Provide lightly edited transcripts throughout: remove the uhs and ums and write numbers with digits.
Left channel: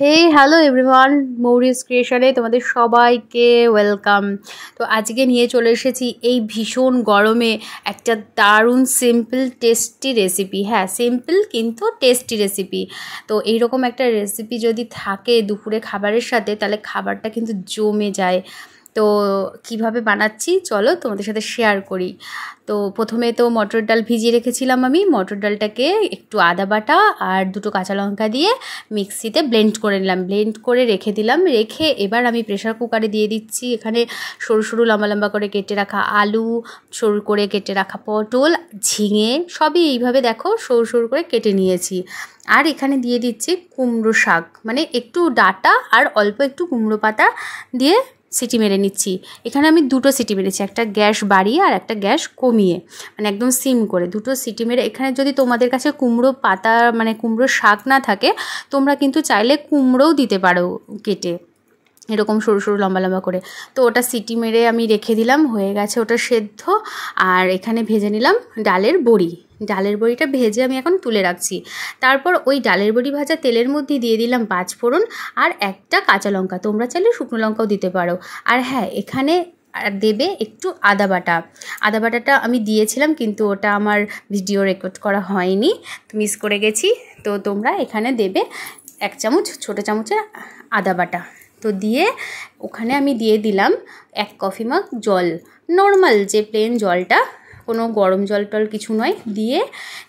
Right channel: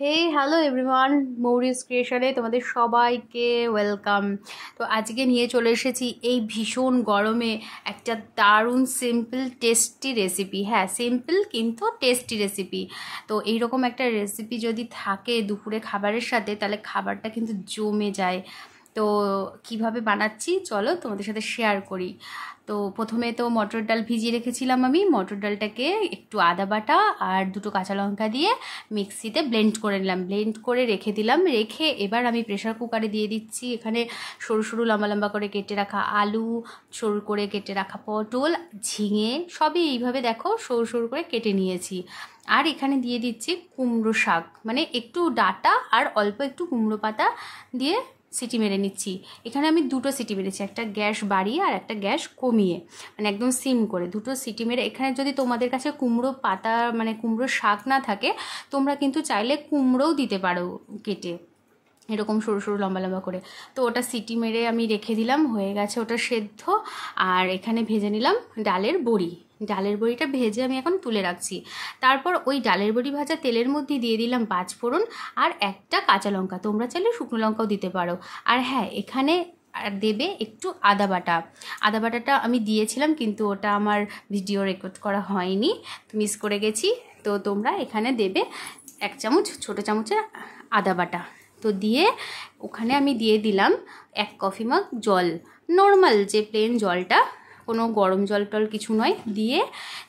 হে hello everyone, মৌরিস ক্রিয়েশনে তোমাদের সবাইকে welcome. তো আজকে নিয়ে চলে এসেছি এই ভীষণ গরমে একটা দারুণ সিম্পল টেস্টি রেসিপি। হ্যাঁ, সিম্পল কিন্তু টেস্টি রেসিপি। তো এইরকম একটা রেসিপি যদি থাকে দুপুরে খাবারের সাথে, তাহলে খাবারটা কিন্তু জমে যায়। তো কিভাবে বানাচ্ছি চলো তোমাদের সাথে শেয়ার করি। তো প্রথমে তো মটর ডাল ভিজিয়ে রেখেছিলাম আমি। মটর ডালটাকে একটু আদা বাটা আর দুটো কাঁচা লঙ্কা দিয়ে মিক্সিতে ব্লেন্ড করে নিলাম, ব্লেন্ড করে রেখে দিলাম। রেখে এবার আমি প্রেশার কুকারে দিয়ে দিচ্ছি এখানে সরু সরু লম্বা লম্বা করে কেটে রাখা আলু, সরু করে কেটে রাখা পটল, ঝিঙে, সবই এইভাবে দেখো সরু সরু করে কেটে নিয়েছি। আর এখানে দিয়ে দিচ্ছি কুমড়ো শাক, মানে একটু ডাঁটা আর অল্প একটু কুমড়ো পাতা দিয়ে সিটি মেরে নিচ্ছি। এখানে আমি দুটো সিটি মেরেছি, একটা গ্যাস বাড়িয়ে আর একটা গ্যাস কমিয়ে, মানে একদম সিম করে দুটো সিটি মেরে। এখানে যদি তোমাদের কাছে কুমড়ো পাতা মানে কুমড়ো শাক না থাকে, তোমরা কিন্তু চাইলে কুমড়োও দিতে পারো কেটে, এরকম সরু সরু লম্বা লম্বা করে। তো ওটা সিটি মেরে আমি রেখে দিলাম, হয়ে গেছে ওটা সেদ্ধ। আর এখানে ভেজে নিলাম ডালের বড়ি। ডালের বড়িটা ভেজে আমি এখন তুলে রাখছি। তারপর ওই ডালের বড়ি ভাজা তেলের মধ্যে দিয়ে দিলাম 5 ফোড়ন আর একটা কাঁচা লঙ্কা, তোমরা চাইলে শুকনো লঙ্কাও দিতে পারো। আর হ্যাঁ, এখানে আর দেবে একটু আদা বাটা। আদা বাটাটা আমি দিয়েছিলাম, কিন্তু ওটা আমার ভিডিও রেকর্ড করা হয়নি, মিস করে গেছি। তো তোমরা এখানে দেবে 1 চামচ ছোটো চামচের আদা বাটা। তো দিয়ে ওখানে আমি দিয়ে দিলাম 1 কফি মগ জল, নর্মাল যে প্লেন জলটা, কোনো গরম জল টল কিছু নয়। দিয়ে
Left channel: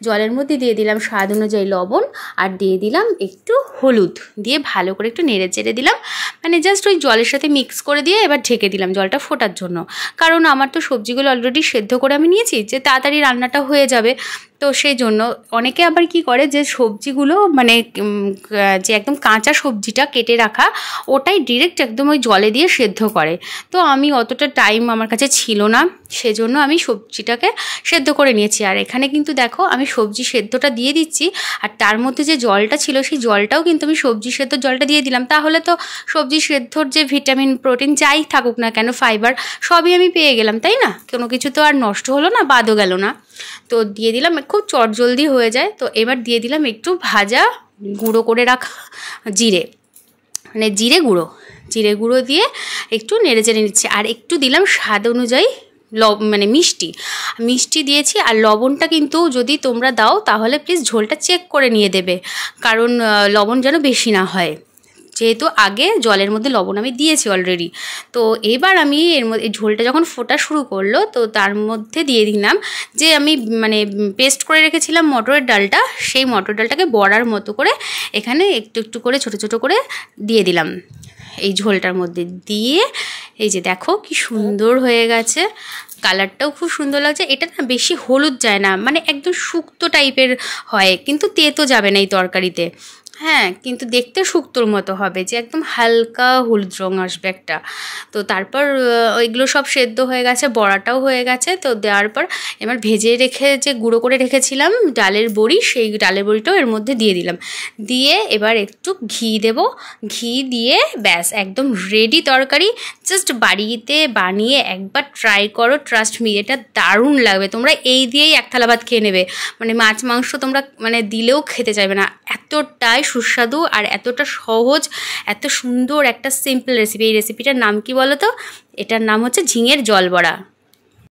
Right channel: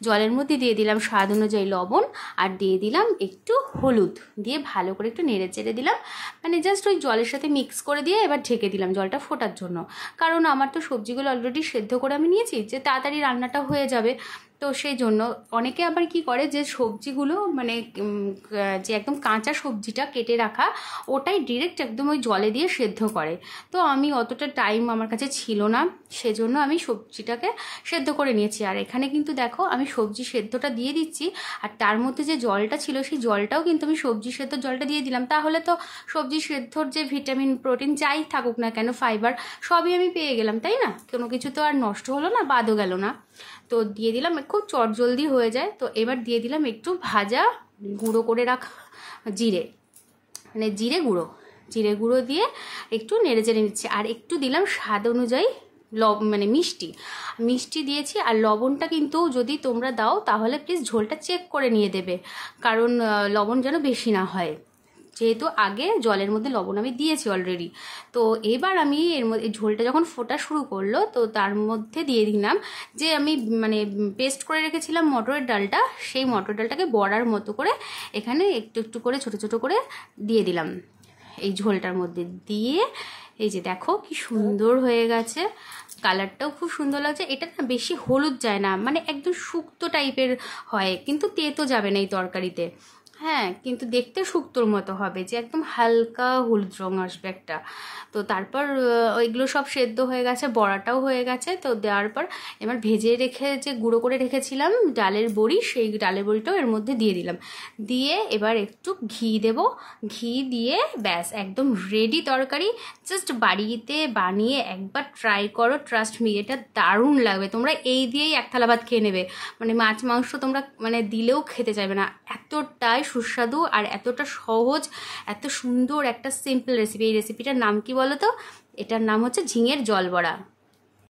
জলের মধ্যে দিয়ে দিলাম স্বাদ অনুযায়ী লবণ আর দিয়ে দিলাম একটু হলুদ, দিয়ে ভালো করে একটু নেড়ে চেড়ে দিলাম, মানে জাস্ট ওই জলের সাথে মিক্স করে দিয়ে এবার ঢেকে দিলাম জলটা ফোটার জন্য। কারণ আমার তো সবজিগুলো অলরেডি সেদ্ধ করে আমি নিয়েছি, যে তাড়াতাড়ি রান্নাটা হয়ে যাবে। তো সেই জন্য অনেকে আবার কি করে, যে সবজিগুলো মানে যে একদম কাঁচা সবজিটা কেটে রাখা, ওটাই ডিরেক্ট একদম ওই জলে দিয়ে সেদ্ধ করে। তো আমি অতটা টাইম আমার কাছে ছিল না, সেজন্য আমি সবজিটাকে সেদ্ধ করে নিয়েছি। আর এখানে কিন্তু দেখো আমি সবজি সেদ্ধটা দিয়ে দিচ্ছি, আর তার মধ্যে যে জলটা ছিল সেই জলটাও কিন্তু আমি সবজি সেদ্ধর জলটা দিয়ে দিলাম। তাহলে তো সবজি সেদ্ধর যে ভিটামিন প্রোটিন যাই থাকুক না কেন, ফাইবার, সবই আমি পেয়ে গেলাম, তাই না? কোনো কিছু তো আর নষ্ট হলো না, বাদও গেল না। তো দিয়ে দিলাম, খুব চটজলদি হয়ে যায়। তো এবার দিয়ে দিলাম একটু ভাজা গুঁড়ো করে রাখা জিরে, মানে জিরে গুঁড়ো দিয়ে একটু নেড়ে চেড়ে নিচ্ছি। আর একটু দিলাম স্বাদ অনুযায়ী মানে মিষ্টি দিয়েছি। আর লবণটা কিন্তু যদি তোমরা দাও তাহলে প্লিজ ঝোলটা চেক করে নিয়ে দেবে, কারণ লবণ যেন বেশি না হয়, যেহেতু আগে জলের মধ্যে লবণ আমি দিয়েছি অলরেডি। তো এবার আমি এর মধ্যে ঝোলটা যখন ফোটা শুরু করলো, তো তার মধ্যে দিয়ে দিলাম যে আমি মানে পেস্ট করে রেখেছিলাম মটরের ডালটা, সেই মটর ডালটাকে বড়ার মতো করে এখানে একটু একটু করে ছোটো ছোটো করে দিয়ে দিলাম এই ঝোলটার মধ্যে। দিয়ে এই যে দেখো কি সুন্দর হয়ে গেছে, কালারটাও খুব সুন্দর লাগছে। এটা না বেশি হলুদ যায় না, মানে একদম শুক্তো টাইপের হয়, কিন্তু তেতো যাবে না এই তরকারিতে। হ্যাঁ, কিন্তু দেখতে শুক্তোর মতো হবে, যে একদম হালকা হলুদ রঙ আসবে একটা। তো তারপর ওইগুলো সব সেদ্ধ হয়ে গেছে, বড়াটাও হয়ে গেছে। তো দেওয়ার পর এবার ভেজে রেখে যে গুঁড়ো করে রেখেছিলাম ডালের বড়ি, সেই ডালের বড়িটাও এর মধ্যে দিয়ে দিলাম। দিয়ে এবার একটু ঘি দেব, ঘি দিয়ে ব্যাস একদম রেডি তরকারি। জাস্ট বাড়িতে বানিয়ে একবার ট্রাই করো, ট্রাস্ট মি, এটা দারুণ লাগবে। তোমরা এই দিয়েই 1 থালা ভাত খেয়ে নেবে, মানে মাছ মাংস তোমরা মানে দিলেও খেতে চাইবে না, এতটাই সুস্বাদু আর এতটা সহজ, এত সুন্দর একটা সিম্পল রেসিপি। এই রেসিপিটার নাম কি বলো তো? এটার নাম হচ্ছে ঝিঙের জল বড়া।